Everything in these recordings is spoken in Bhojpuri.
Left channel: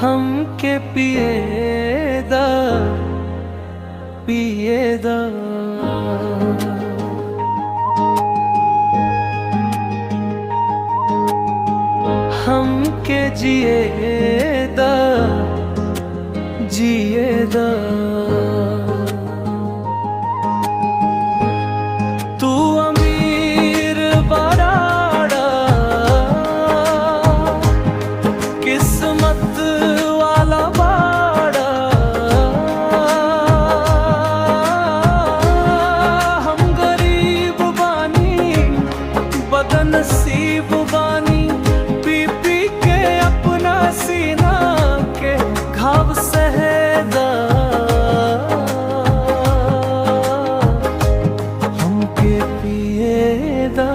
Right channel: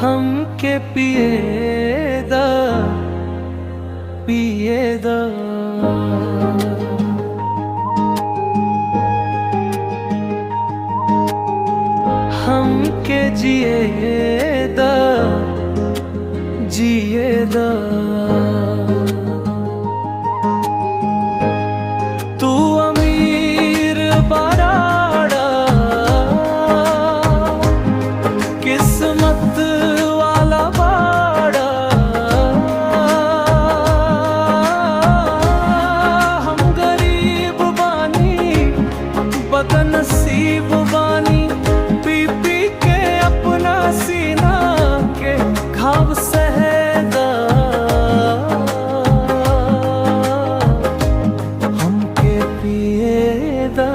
हमके पिएदा पिएदा हमके जिएदा जिएदा। तू अमीर बराड़ा किस्मत वाला बाड़ा, हम गरीब बानी बदनसीब बानी, पी पी के अपना सीना के घाव सहदा। हमके पिएदा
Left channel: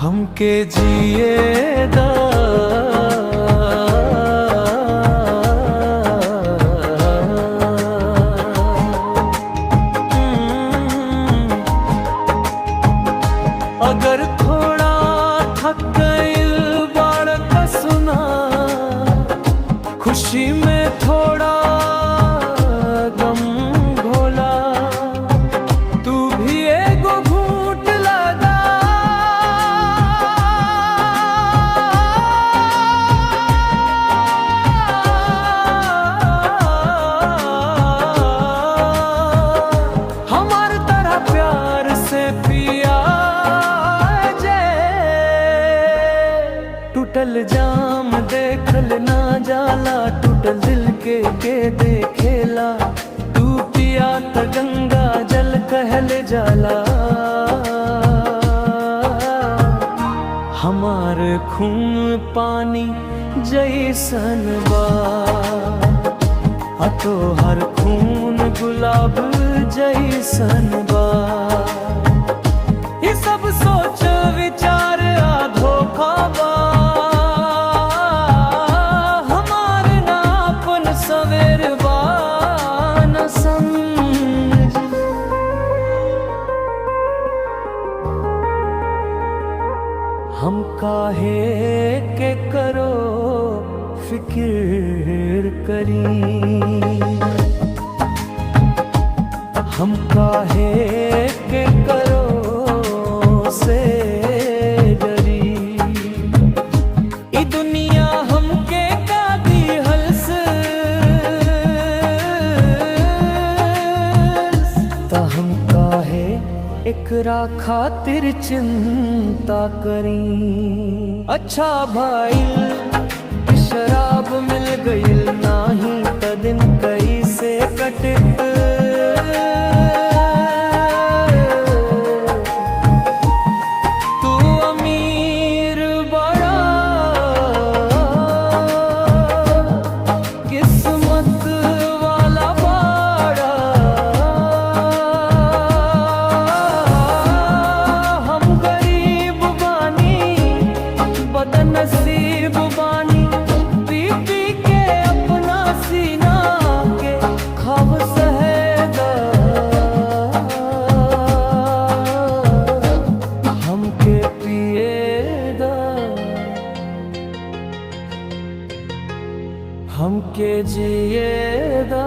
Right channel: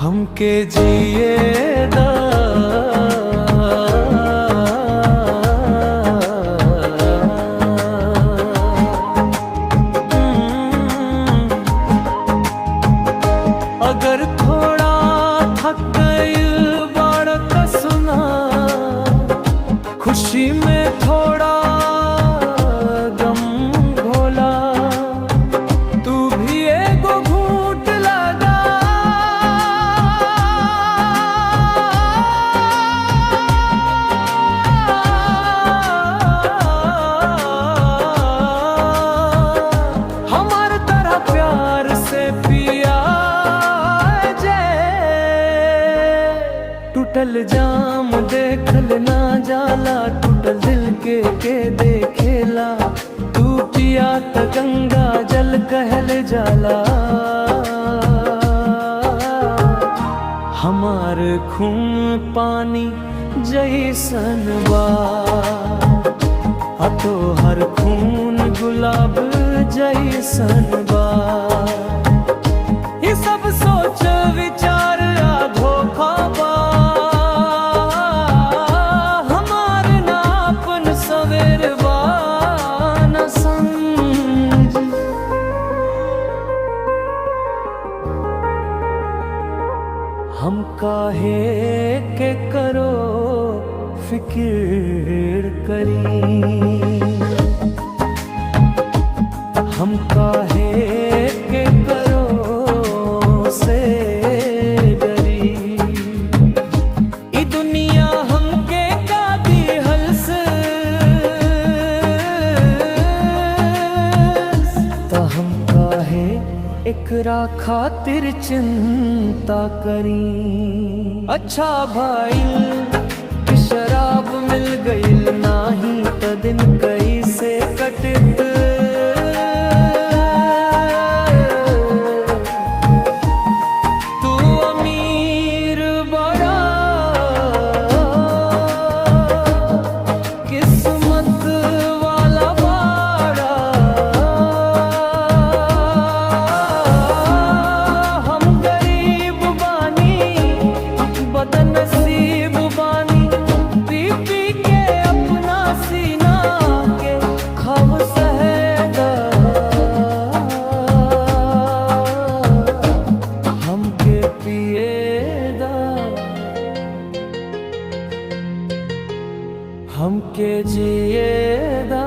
हमके जिएदा। अगर थोड़ा थक गई बाड़ का सुना, खुशी में थोड़ा गम घोला, तू भी एगो घूंट लगा। हमार तरह प्यार से पिया टूटल जाम देखल ना जाला, टूटल दिल के देखेला। तू पिया त गंगा जल कहल जाला। हमार खून पानी जैसन बा, आ तो हर खून गुलाब जैसन बा। ये सब सोच विचार आ धोखा बा, हमार नापन सवेर बा न समझ। हम काहे के करो फिक्र करी, हम काहे के करो से डरी। ई दुनिया हमके का दिहल से ता हम काहे एकरा खातिर चिंता करी। अच्छा भाईल कि शराब मिल गईल नाही त दिन कैसे कटित। तू अमीर बड़ा किस्मत वाला बाड़ा, हम गरीब बानी बदनसीब बानी, पी पी के अपना सीना के खब सहदा। हमके पिएदा हमके जिएदा।